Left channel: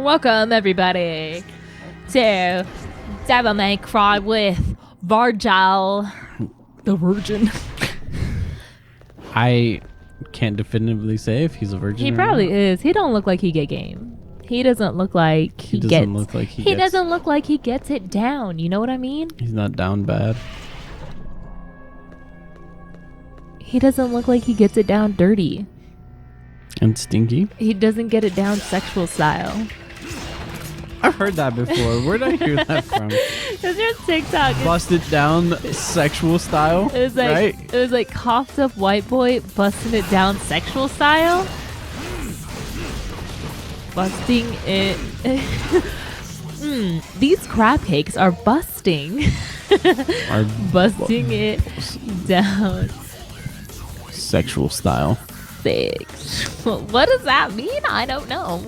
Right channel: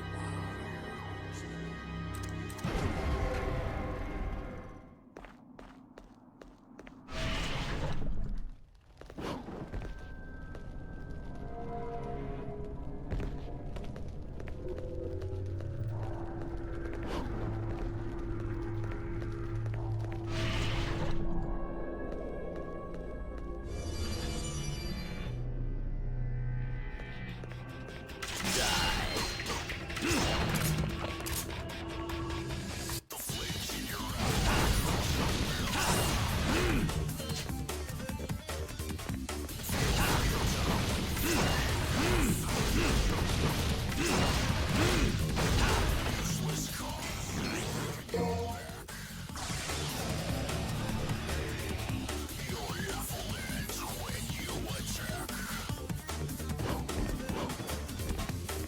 Welcome, everybody, to Devil May Cry with Vargil, the Virgin. I can't definitively say if he's a virgin. He or probably not. is. He don't look like he get game. He doesn't look like he Doesn't gets. look like he he gets- doesn't look like he gets it down. You know what I mean? He's not down bad. He doesn't look like he gets it down dirty. And stinky. He doesn't get it down sexual style. I've heard that before. Where'd I hear that from? It's your TikTok. Bust it down sexual style. It was like right? it was like coughed up white boy busting it down sexual style. Busting it. These crab cakes are busting. Our Busting it down sexual style. sexual. What does that mean? I don't know.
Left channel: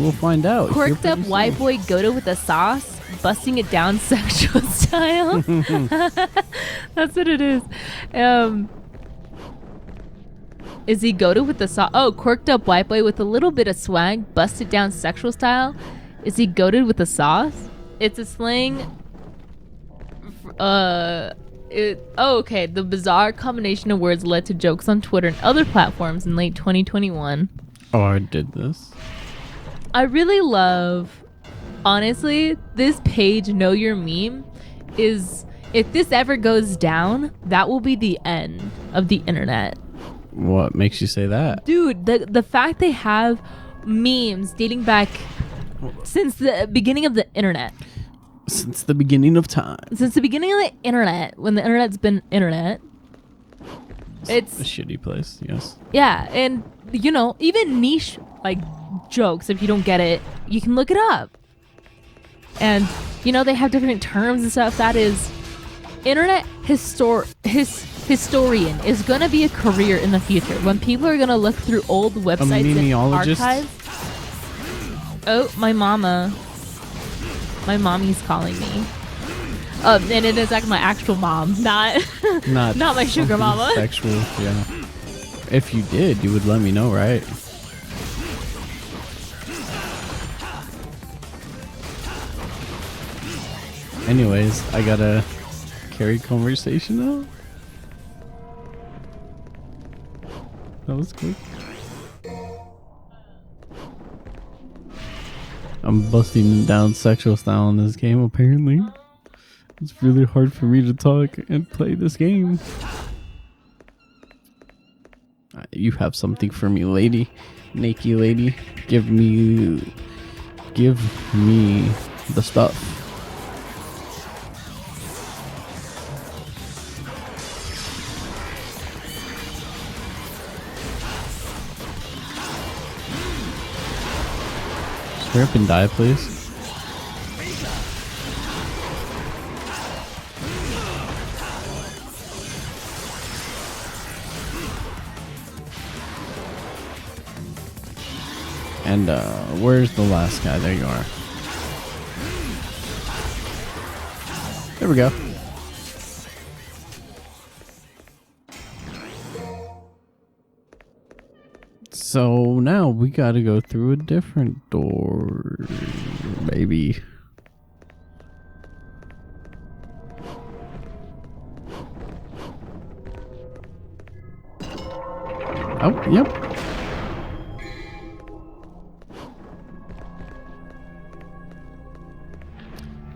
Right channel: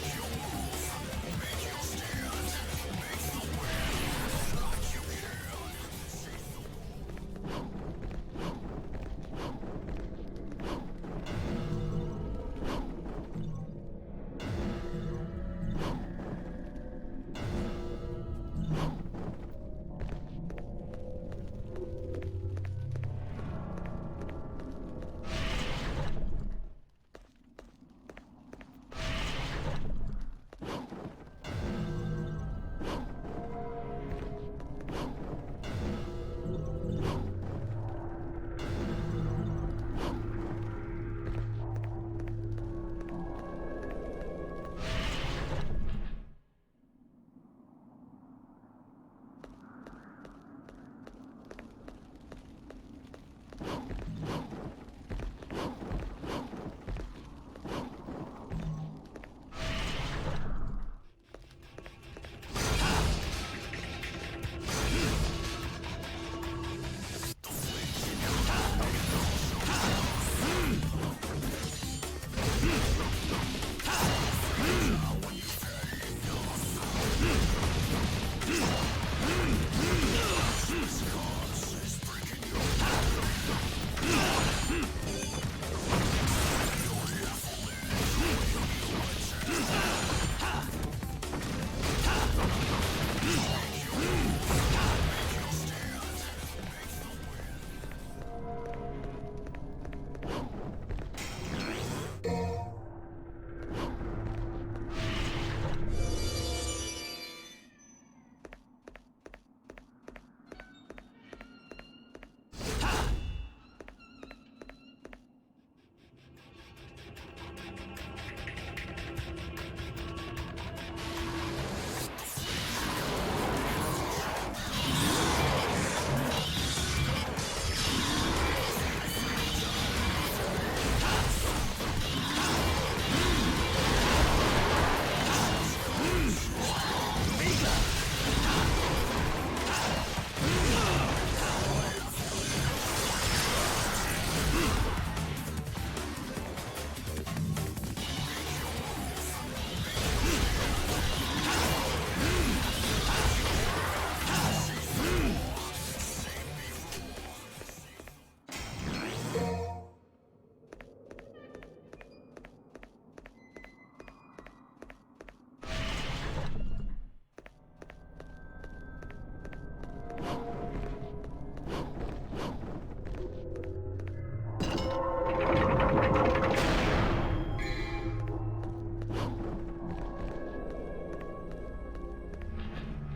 We'll find out. Quirked up white boy Goda with a sauce, busting it down sexual style. That's what it is. Is he Goda with the sauce? Oh, quirked up white boy with a little bit of swag, busted down sexual style. Is he goaded with the sauce? It's a slang. Okay. The bizarre combination of words led to jokes on Twitter and other platforms in late 2021. Oh, I did this. I really love, honestly, this page, Know Your Meme, is, if this ever goes down, that will be the end of the internet. What makes you say that? Dude, the fact they have memes dating back since the beginning of the internet. Since the beginning of time. Since the beginning of the internet, when the internet's been internet. It's a shitty place, yes. Yeah, and you know, even niche like jokes, if you don't get it, you can look it up. And you know, they have different terms and stuff. That is, internet historian is gonna be a career in the future. When people are gonna look through old websites and memeologist? archives. Oh, my mommy's calling me. And it is like my actual mom, not not my sugar mama. Sexual, yeah. If you did, you would let me know, right? Anyways, I gotta carry conversation now. That was quick. I'm busting down sexual style in this game, apparently. It's really hard for me to talk and play this game. You have something for me, lady. Naked lady. Give me the stuff. Hurry up and die, please. And where's the last guy? There you are. There we go. So now we gotta go through a different door, maybe. Oh, yep.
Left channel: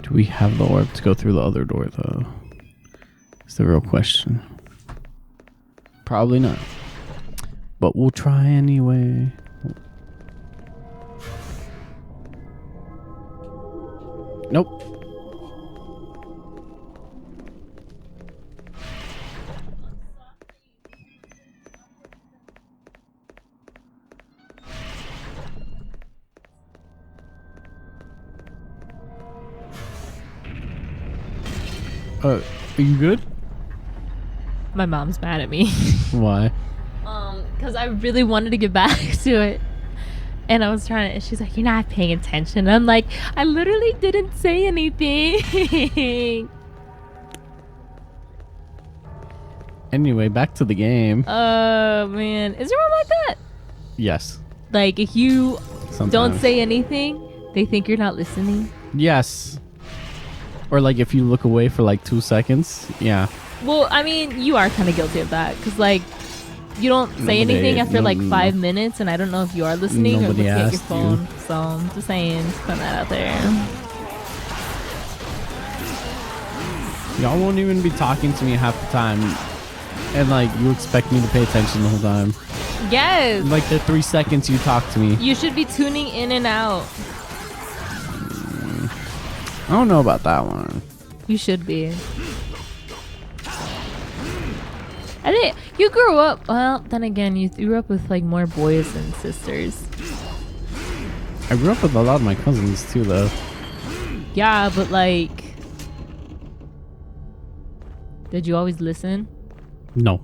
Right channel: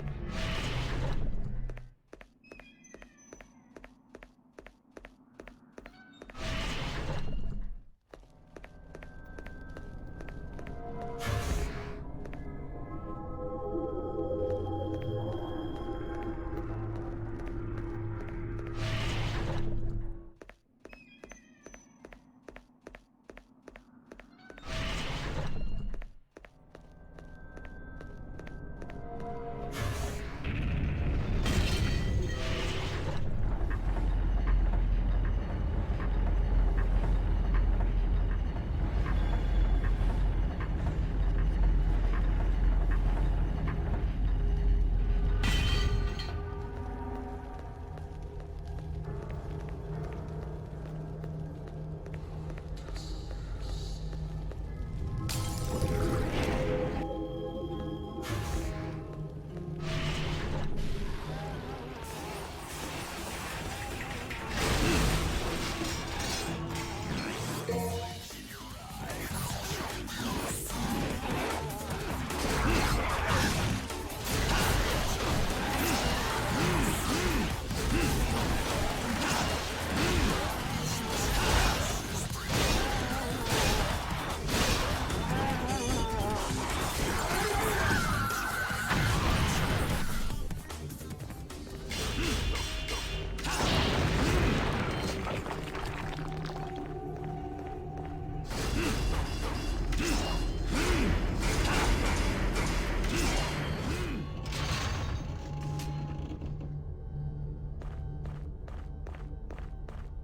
Do we have the orb to go through the other door, though? It's the real question. Probably not. But we'll try anyway. Nope. Are you good? My mom's mad at me. Why? Because I really wanted to get back to it. And I was trying to, she's like, you're not paying attention. I'm like, I literally didn't say anything. Anyway, back to the game. Oh, man. Is your mom like that? Yes. Like if you don't Sometimes. say anything, they think you're not listening. Yes. Or like if you look away for like 2 seconds. Yeah. Well, I mean, you are kind of guilty of that because like you don't say anything after like 5 minutes, and I don't know if you are listening or Nobody looking at your asked phone. you. So I'm just saying, put that out there. Y'all won't even be talking to me half the time. And like you expect me to pay attention the whole time. Yes. Like the 3 seconds you talk to me. You should be tuning in and out. I don't know about that one. You should be. I think you grew up. Well, then again, you grew up with like more boys than sisters. I grew up with a lot of my cousins too, though. Yeah, but like, did you always listen? No.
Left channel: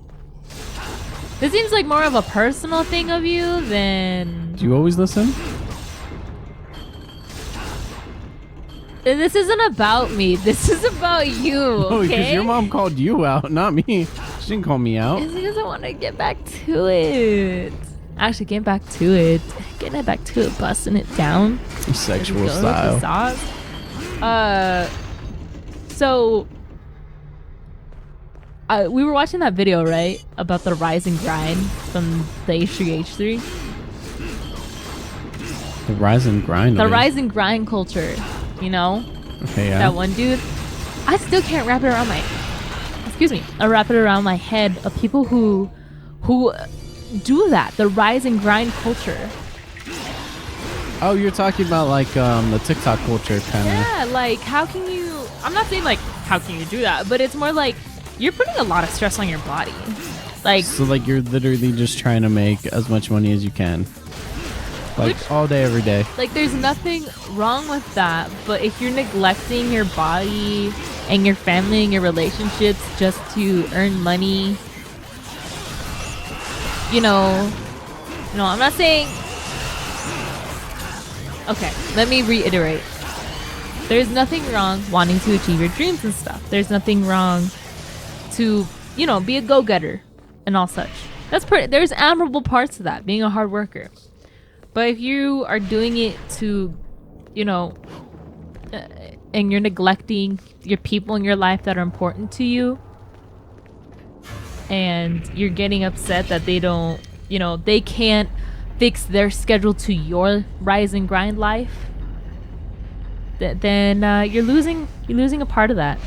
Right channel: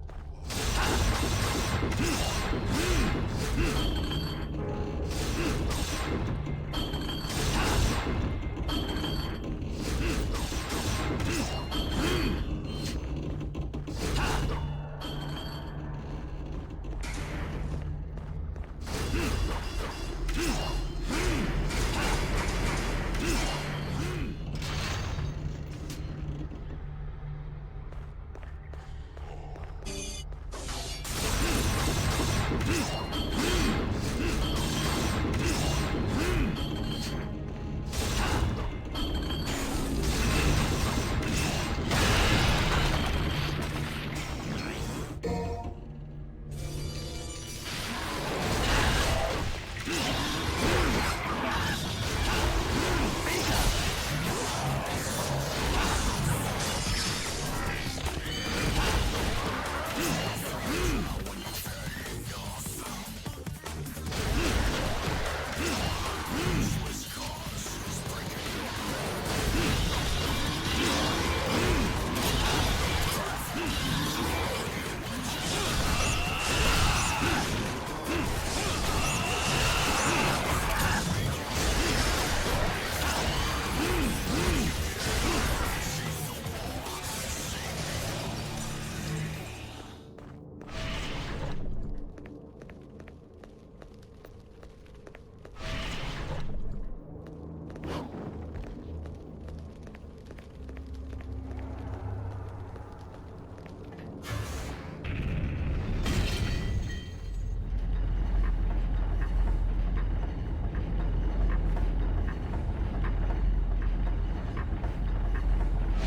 This seems like more of a personal thing of you than. Do you always listen? This isn't about me. This is about you. Oh, because Okay? your mom called you out, not me. She didn't call me out. It's because I want to get back to it. Actually, getting back to it. Getting back to it, busting it down. Your sexual Go with style. the sauce. So we were watching that video, right, about the rise and grind from the H3H3. The rise and grind. The of it. rise and grind culture, you know? Okay, yeah. That one dude. I still can't wrap it around wrap it around my head of people who do that. The rise and grind culture. Oh, you're talking about like the TikTok culture kind of. Yeah, like how can you? I'm not saying like how can you do that, but it's more like you're putting a lot of stress on your body. Like So like you're literally just trying to make as much money as you can. Like all day, every day. Like there's nothing wrong with that, but if you're neglecting your body and your family and your relationships just to earn money, I'm not saying. Okay, let me reiterate. There's nothing wrong wanting to achieve your dreams and stuff. There's nothing wrong to, be a go-getter and all such. There's admirable parts to that, being a hard worker. But if you are doing it to, and you're neglecting your people in your life that are important to you, and you're getting upset that they don't, they can't fix their schedule to your rise and grind life, then you're losing a part of that.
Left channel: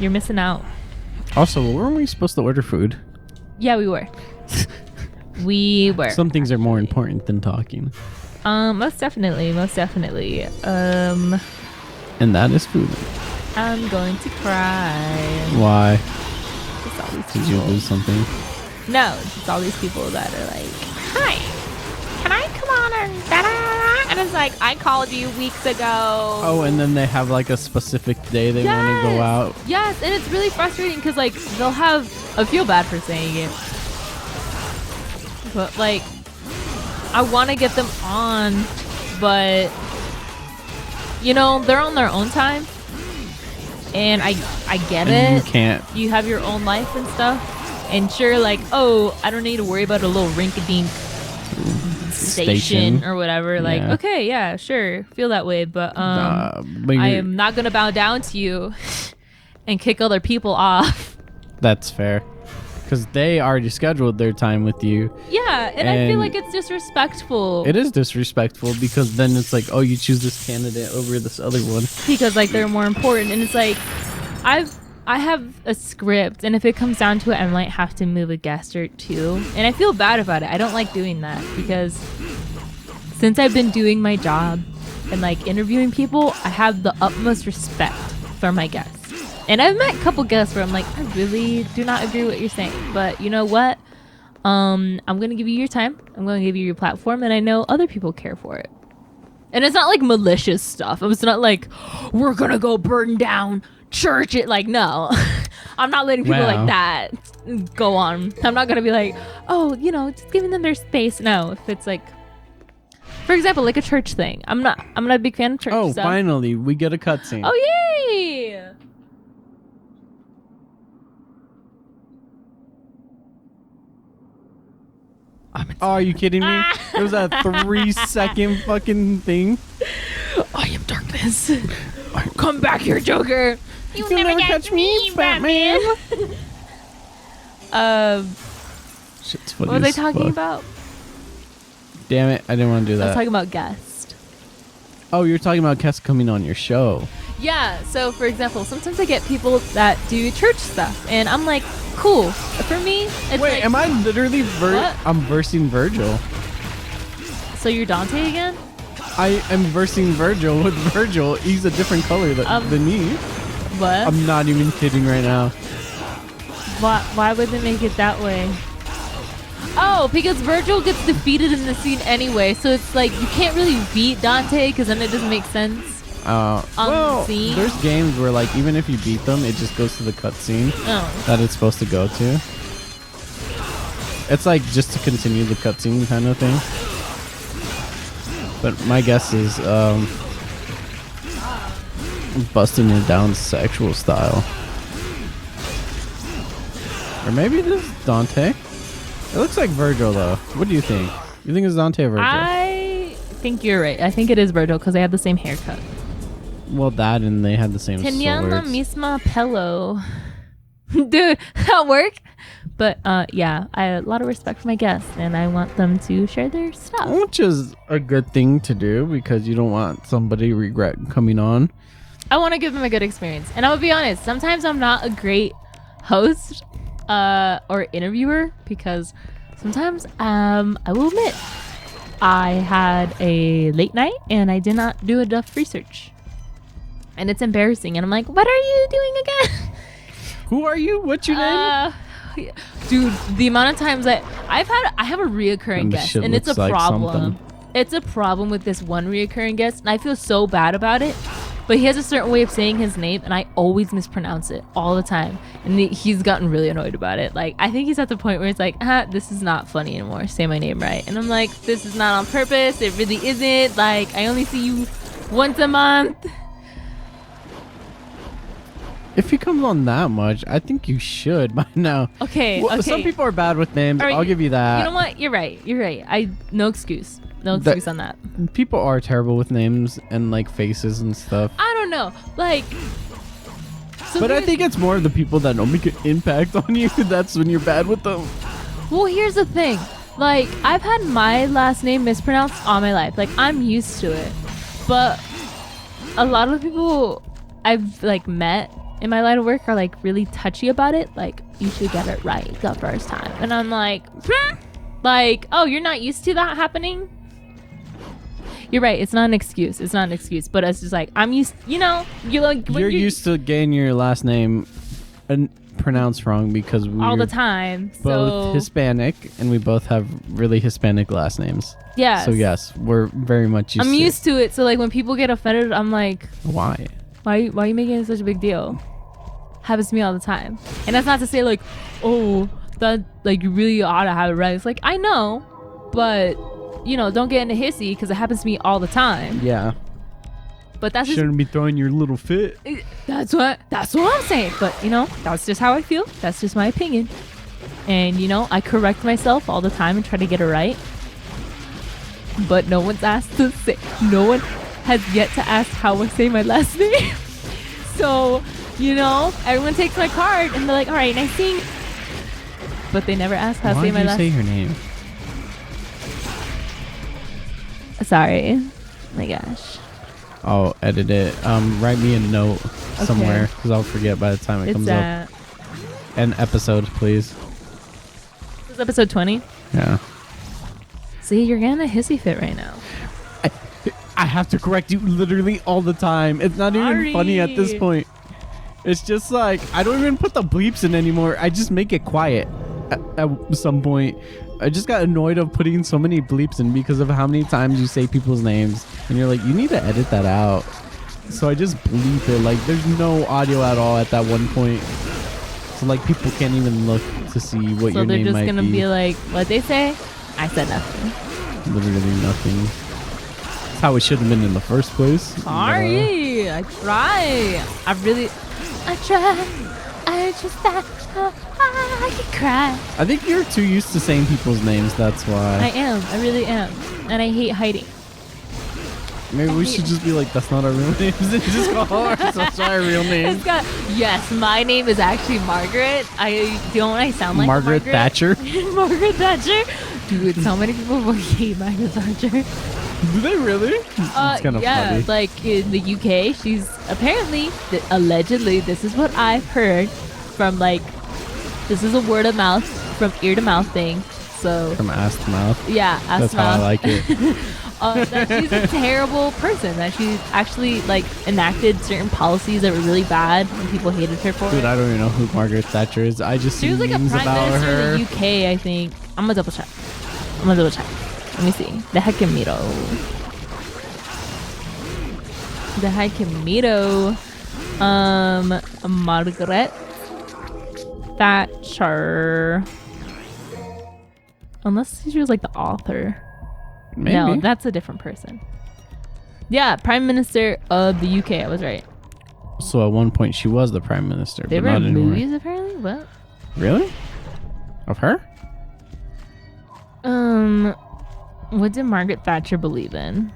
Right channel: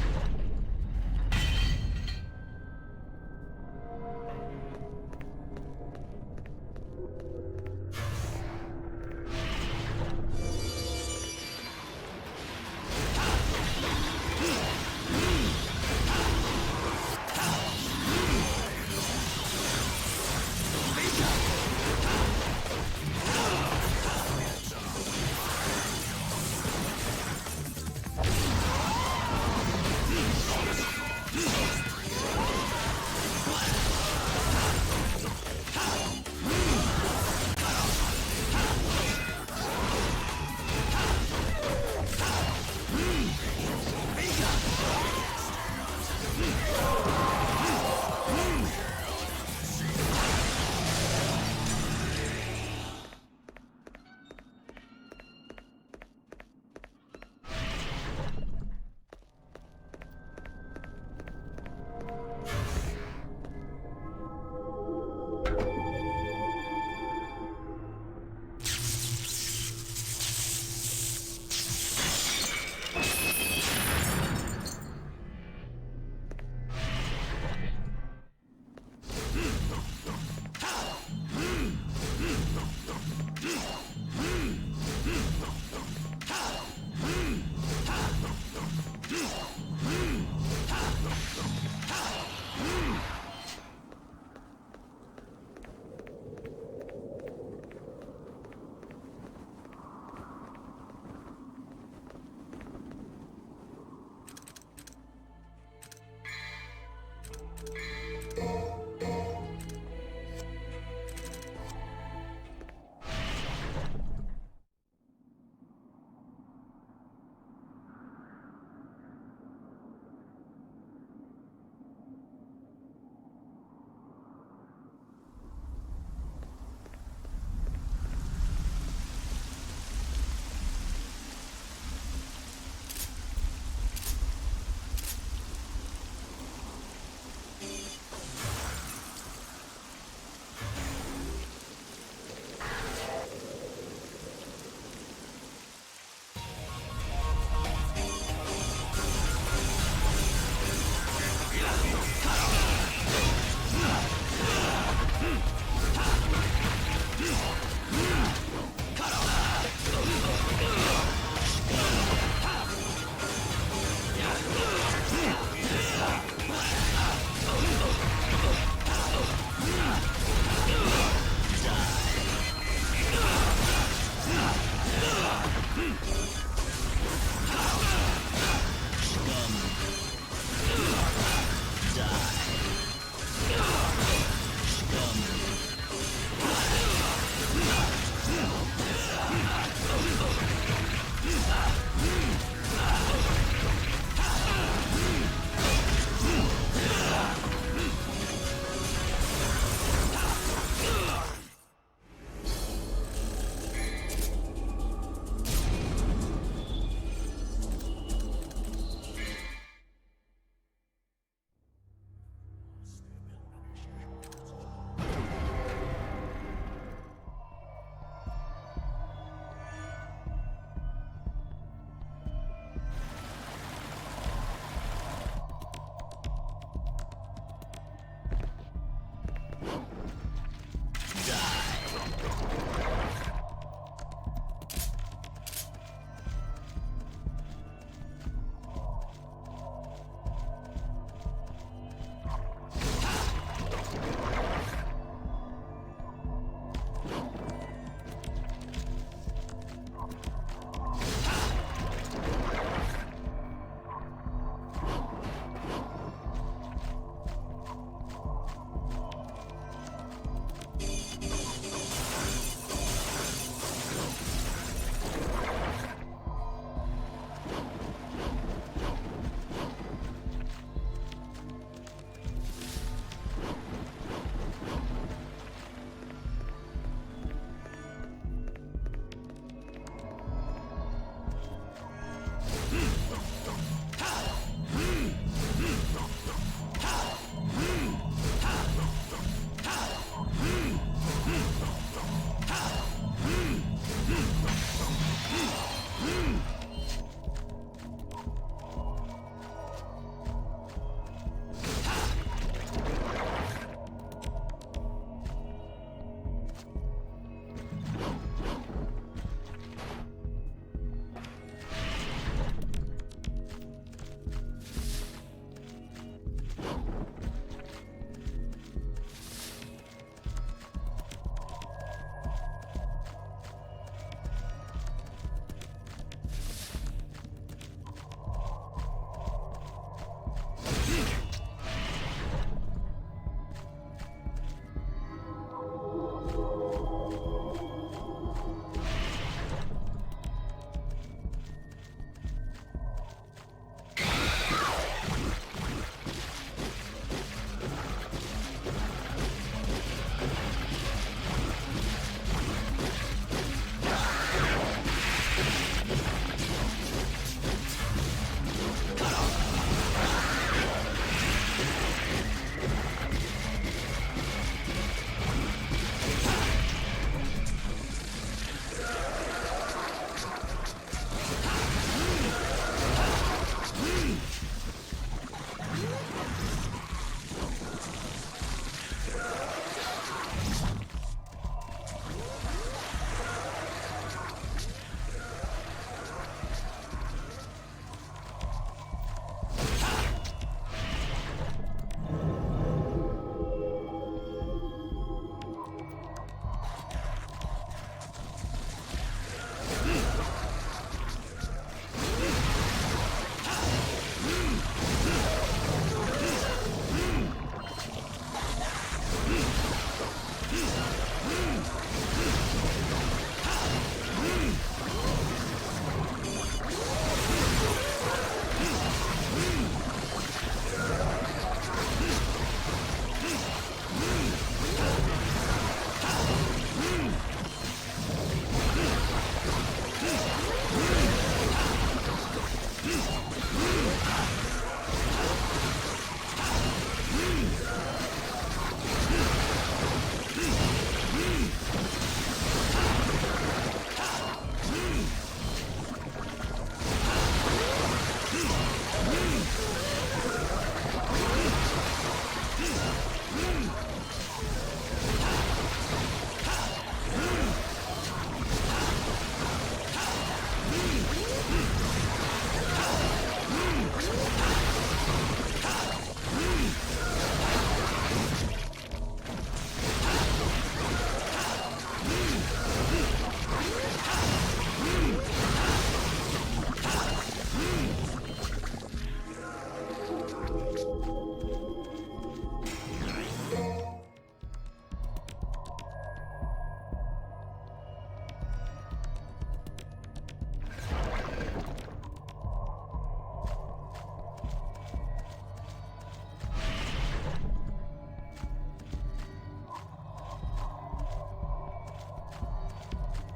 You're missing out. Also, weren't we supposed to order food? Yeah, we were. We were. Some things are more important than talking. Most definitely. And that is food. I'm going to cry. Why? Did you lose something? No, it's all these people that are like, hi, can I come on and da-da-da-da? And it's like, I called you weeks ago. Oh, and then they have like a specific day they want to go out. Yes, and it's really frustrating because like they'll have, I feel bad for saying it, but like I want to get them on, but they're on their own time, and I get it. You can't. You have your own life and stuff, and sure, like, oh, I don't need to worry about a little rinky-dink station or whatever. Like, Yeah. okay, yeah, sure, feel that way, but But I am not gonna bow down to you and kick other people off. That's fair. Because they already scheduled their time with you. Yeah, and I feel And like it's disrespectful. It is disrespectful because then it's like, oh, you choose this candidate over this other one. Because like they're more important, and it's like I have a script, and if it comes down to it, I might have to move a guest or two, and I feel bad about it. I don't like doing that because since I've been doing my job and like interviewing people, I have the utmost respect for my guests. And I've met a couple guests where I'm like, I really do not agree with what you're saying, but you know what? I'm gonna give you your time. I'm gonna give you your platform, and I know other people care for it. And it's not like malicious stuff. It's not like we're gonna go burn down church. It like no, I'm not letting people like that go on. I'm not gonna be like, oh, just giving them their space. No, if it's like, for example, like a church thing. I'm not a big fan of church. Oh, so. finally, we get a cutscene. Oh yay! Oh, are you kidding me? It was a 3-second fucking thing. I am darkness. Come back here, Joker. You'll never catch me, Batman. Shit's funny What was I as talking fuck. about? Damn it, I didn't want to do I was that. talking about guest. Oh, you're talking about guests coming on your show. Yeah, so for example, sometimes I get people that do church stuff, and I'm like, cool. For me, it's Wait, like, am I literally What? I'm versing Virgil. so you're Dante again? I am versing Virgil with Virgil. He's a different color than me. What? I'm not even kidding right now. Why would they make it that way? Oh, because Virgil gets defeated in the scene anyway, so it's like you can't really beat Dante because then it doesn't make sense. On the scene? There's games where like even if you beat them, it just goes to the cutscene Oh. that it's supposed to go to. It's like just to continue the cutscene kind of thing. But my guess is busting it down sexual style. Or maybe this is Dante. It looks like Virgil though. What do you think? You think it's Dante or Virgil? I think you're right. I think it is Virgil because they have the same haircut. Well, that and they had the same Tenía la swords. misma pelo. Dude, that work? But yeah, I have a lot of respect for my guests and I want them to share their stuff. Which is a good thing to do because you don't want somebody regret coming on. I want to give them a good experience. And I will be honest, sometimes I'm not a great host or interviewer because sometimes I will admit I had a late night and I did not do enough research. And it's embarrassing. And I'm like, what are you doing again? Who are you? What's your name? Dude, the amount of times that I have a reoccurring And this guest, shit and it's a looks like problem. something. It's a problem with this one reoccurring guest, and I feel so bad about it. But he has a certain way of saying his name, and I always mispronounce it all the time. And he's gotten really annoyed about it. Like, I think he's at the point where it's like, this is not funny anymore. Say my name right. And I'm like, this is not on purpose. It really isn't. Like, I only see you once a month. If he comes on that much, I think you should by now. Okay, Well, okay. Some people are bad with names. All right, I'll give you that. You know what? You're right. You're right. No excuse. No That- excuse on that. People are terrible with names and like faces and stuff. I don't know. Like, so But I here's- think it's more of the people that don't make an impact on you. That's when you're bad with them. well, here's the thing. Like, I've had my last name mispronounced all my life. Like, I'm used to it. But a lot of people I've like met in my line of work are like really touchy about it. Like, you should get it right the first time. And I'm like, like, oh, you're not used to that happening? You're right. It's not an excuse. It's not an excuse. But it's just like, I'm used, you know, you like, when You're used to getting your last name pronounced wrong because we're all the time. both So, Hispanic and we both have really Hispanic last names. yes. So yes, we're very much used I'm to used to it. So like when people get offended, I'm like, it. Why? why are you making it such a big deal? Happens to me all the time. And that's not to say like, oh, that like you really ought to have it right. It's like, I know, but you know, don't get in a hissy because it happens to me all the time. Yeah. But that's just, Shouldn't be throwing your little fit. that's what I'm saying. But you know, that's just how I feel. That's just my opinion. And you know, I correct myself all the time and try to get it right. But no one's asked to say. No one has yet to ask how I say my last name. So, you know, everyone takes my card and they're like, all right, nice seeing you. But they never ask how I Why say did my you last say name. her name? Sorry. Oh my gosh. I'll edit it. Write me a note somewhere because I'll forget by the time it It's comes up. An episode, please. it's episode 20. Yeah. See, you're getting a hissy fit right now. I have to correct you literally all the time. It's not even funny at this Sorry. point. It's just like I don't even put the bleeps in anymore. I just make it quiet at some point. I just got annoyed of putting so many bleeps in because of how many times you say people's names and you're like, you need to edit that out. So I just bleep it. Like there's no audio at all at that one point. So like people can't even look to see what So your they're name just might gonna be like, what they say? I said nothing. literally nothing. How it should have been in the first place. Sorry. I try. I she's back. I can cry. I think you're too used to saying people's names. That's I why. am. I really am. And I hate hiding. Maybe we should just be like, that's not our real name. Just call ourselves our real name. It's got, yes, my name is actually Margaret. Don't I sound like Margaret Thatcher. Margaret Thatcher? Dude, how many people will hate Margaret Thatcher? Do they really? It's kind of yeah, funny. like in the UK, she's apparently, allegedly, this is what I've heard from like, this is a word of mouth, from ear to mouth thing. So, From ass to mouth. yeah, ass That's to how I mouth. like it. That she's a terrible person. That she's actually like enacted certain policies that were really bad and people hated her for. Dude, I don't even know who Margaret Thatcher is. I just She see was like a memes prime about minister her. in the UK, I think. I'm gonna double check. Let me see. The Hekimito. The Hekimito. Margaret Thatcher. Unless she was like the author. Maybe. No, that's a different person. Yeah, Prime Minister of the UK. I was right. So at one point she was the prime minister, They but were not in anymore. movies apparently. What? Really? Of her? What did Margaret Thatcher believe in?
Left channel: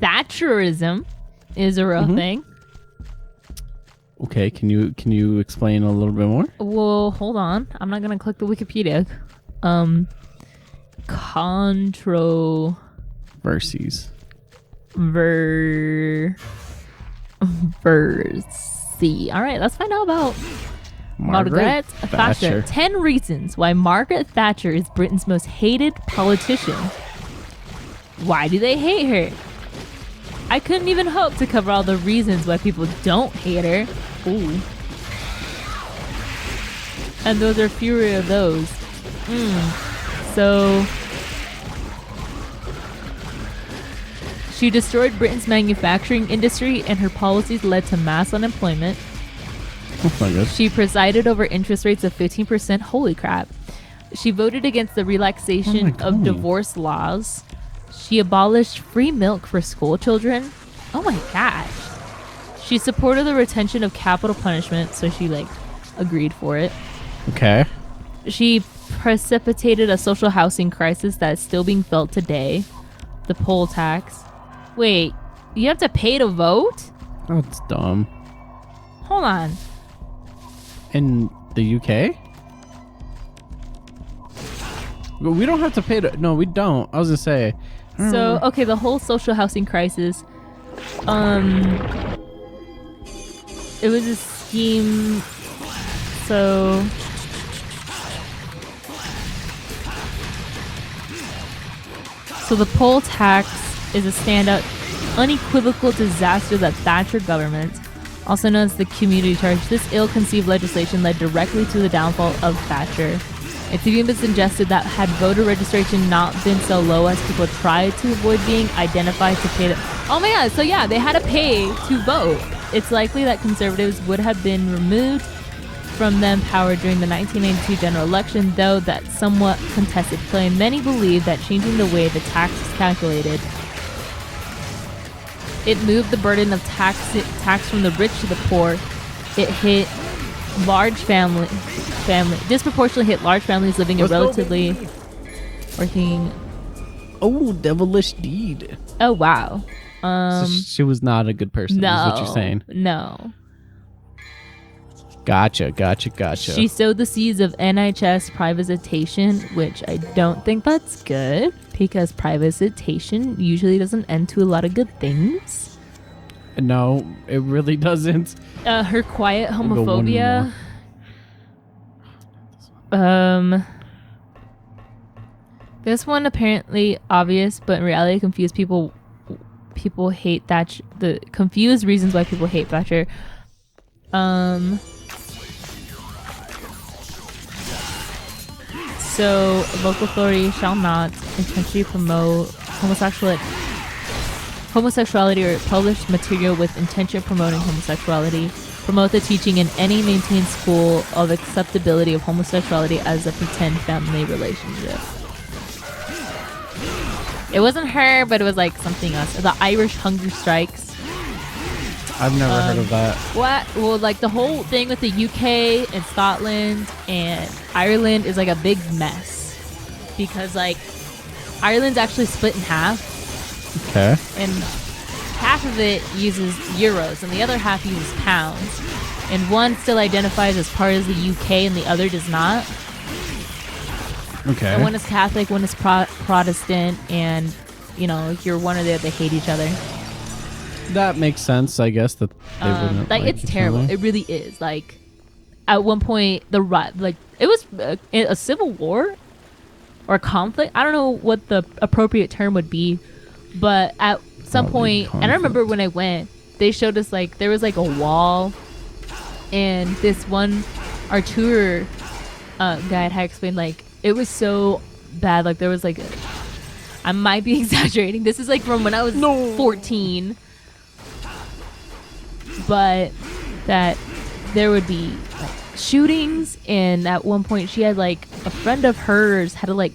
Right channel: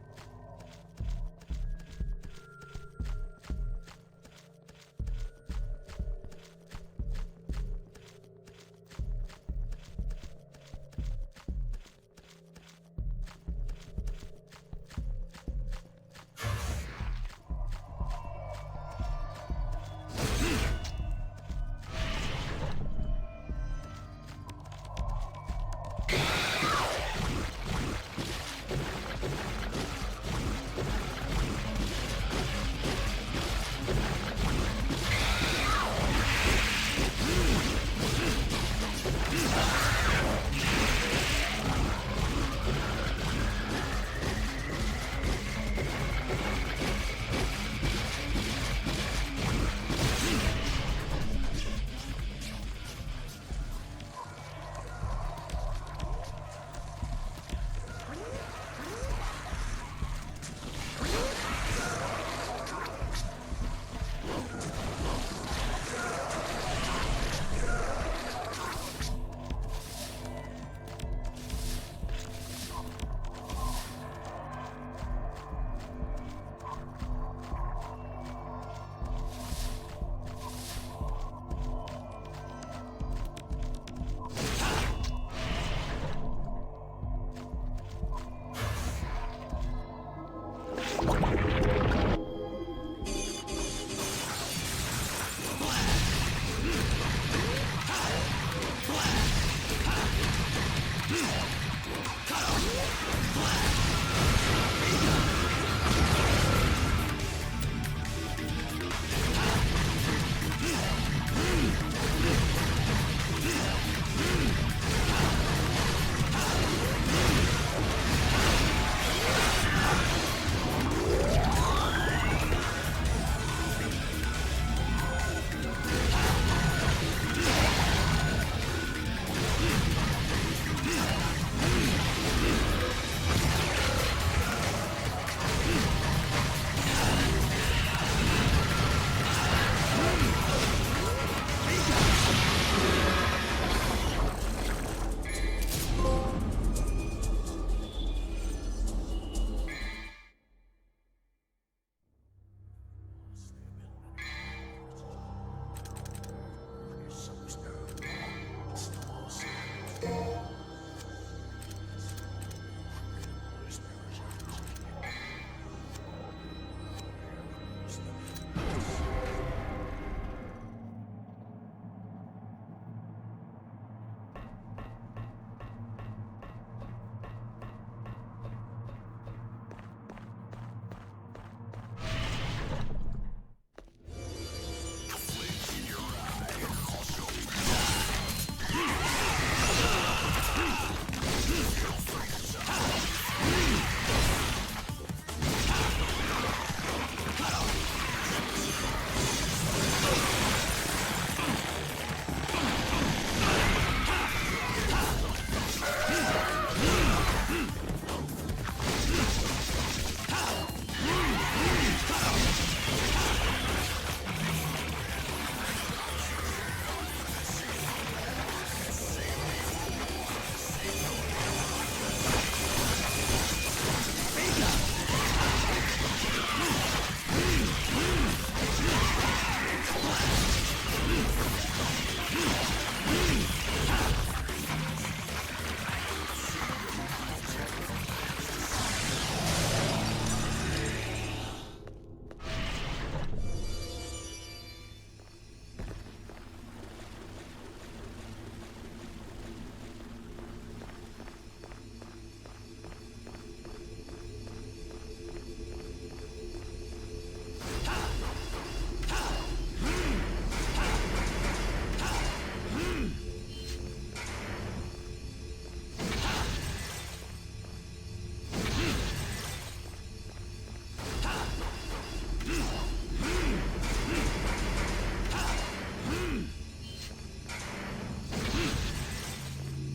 Thatcherism is a real Mhm. thing. Okay, can you explain a little bit more? Well, hold on. I'm not gonna click the Wikipedia. Controversy. Verses. All right, let's find out about Margaret Thatcher. 10 reasons why Margaret Thatcher is Britain's most hated politician. Why do they hate her? I couldn't even hope to cover all the reasons why people don't hate her. Ooh. And those are fewer of those. So, she destroyed Britain's manufacturing industry and her policies led to mass unemployment. That's not good. She presided over interest rates of 15%. Holy crap. She voted against the relaxation Oh my of God. divorce laws. She abolished free milk for school children. Oh my gosh. She supported the retention of capital punishment, so she like agreed for it. Okay. She precipitated a social housing crisis that is still being felt today. The poll tax. Wait, you have to pay to vote? That's dumb. Hold on. In the UK? We don't have to pay to. No, we don't. I was gonna say. I don't So, remember. okay, the whole social housing crisis, it was a scheme, so, the poll tax is a standout, unequivocal disaster that Thatcher government, also known as the community charge, this ill-conceived legislation led directly to the downfall of Thatcher. It's even been suggested that had voter registration not been so low as people tried to avoid being identified to pay to... Oh my god, so yeah, they had to pay to vote. It's likely that conservatives would have been removed from them power during the 1982 general election, though that somewhat contested claim. Many believe that changing the way the tax is calculated, it moved the burden of tax from the rich to the poor. It hit large family disproportionately hit large families living in relatively working. Oh, devilish deed. Oh wow. So she was not a good person. No. Is what you're saying. No. Gotcha. She sowed the seeds of NHS privatization, which I don't think that's good because privatization usually doesn't end to a lot of good things. No, it really doesn't. Her quiet Go one homophobia. This one apparently obvious, but in reality confused people. People hate Thatcher. The confused reasons why people hate Thatcher. So, local authorities shall not intentionally promote homosexuality or publish material with intention of promoting homosexuality, promote the teaching in any maintained school of acceptability of homosexuality as a pretend family relationship. It wasn't her, but it was like something else. The Irish hunger strikes. I've never heard of that. What? Well, like the whole thing with the UK and Scotland and Ireland is like a big mess because like Ireland's actually split in half, Okay. and half of it uses euros and the other half uses pounds, and one still identifies as part of the UK and the other does not. Okay. And one is Catholic, one is Protestant, and you know, if you're one or the other, they hate each other. That makes sense, I guess. That they wouldn't Like it's each terrible. other. It really is. Like at one point, like it was a civil war or conflict. I don't know what the appropriate term would be, but at some Probably point, and I remember when I went, they showed us like there was like a wall, and this one, our tour guide had explained like it was so bad. Like there was like, I might be exaggerating. This is like from when I was 14. But that there would be shootings, and at one point she had like a friend of hers had to like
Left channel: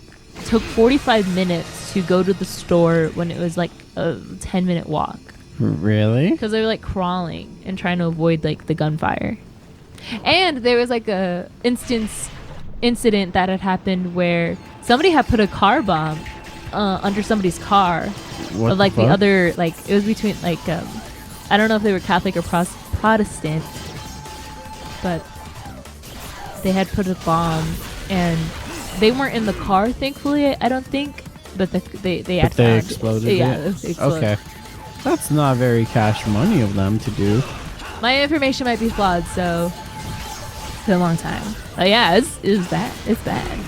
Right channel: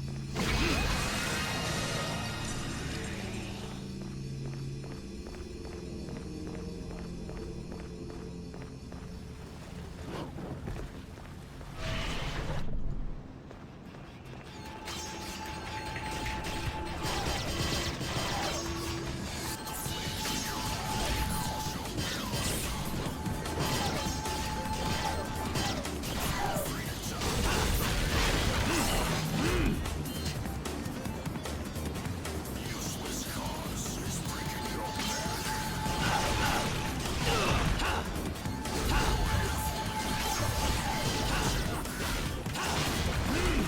took 45 minutes to go to the store when it was like a 10-minute walk Really? because they were like crawling and trying to avoid like the gunfire. And there was like a incident that had happened where somebody had put a car bomb under somebody's car. What But like the fuck? other, like it was between like I don't know if they were Catholic or Protestant, but they had put a bomb, and they weren't in the car, thankfully. I don't think, but they had But they found it. exploded Yeah, it? it exploded. Okay. That's not very cash money of them to do. My information might be flawed, so it's been a long time. But yeah, it's bad. It's bad.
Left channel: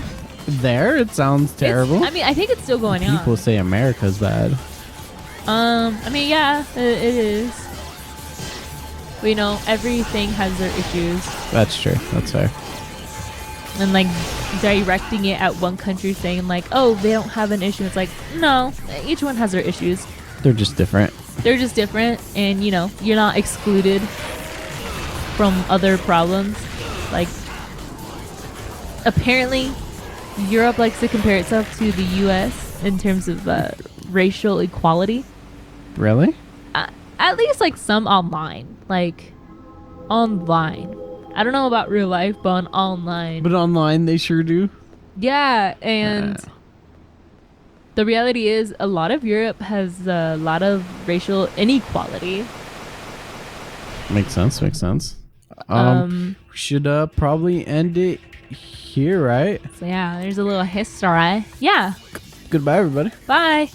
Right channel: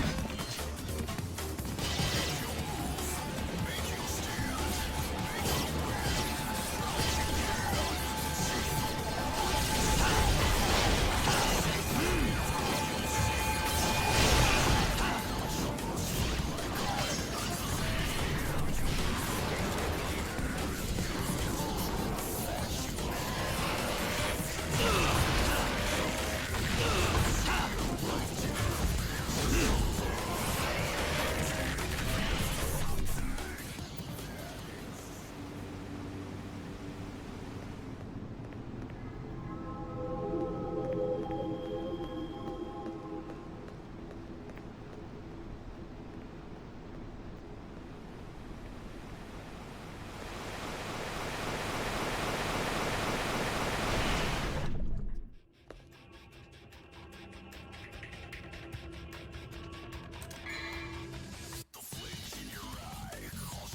There, it sounds terrible. I mean, I think it's still going on. People say America's bad. I mean, yeah, it is. But, you know, everything has their issues. That's true. That's fair. And like directing it at one country saying like, oh, they don't have an issue. It's like, no, each one has their issues. They're just different. They're just different, and you know, you're not excluded from other problems. Like, apparently, Europe likes to compare itself to the U.S. in terms of racial equality. Really? At least like some online, like online. I don't know about real life, but on online. But online, they sure do. Yeah, and the reality is a lot of Europe has a lot of racial inequality. Makes sense. Makes sense. We should probably end it here, right? So yeah, there's a little history. Yeah. Goodbye, everybody. Bye.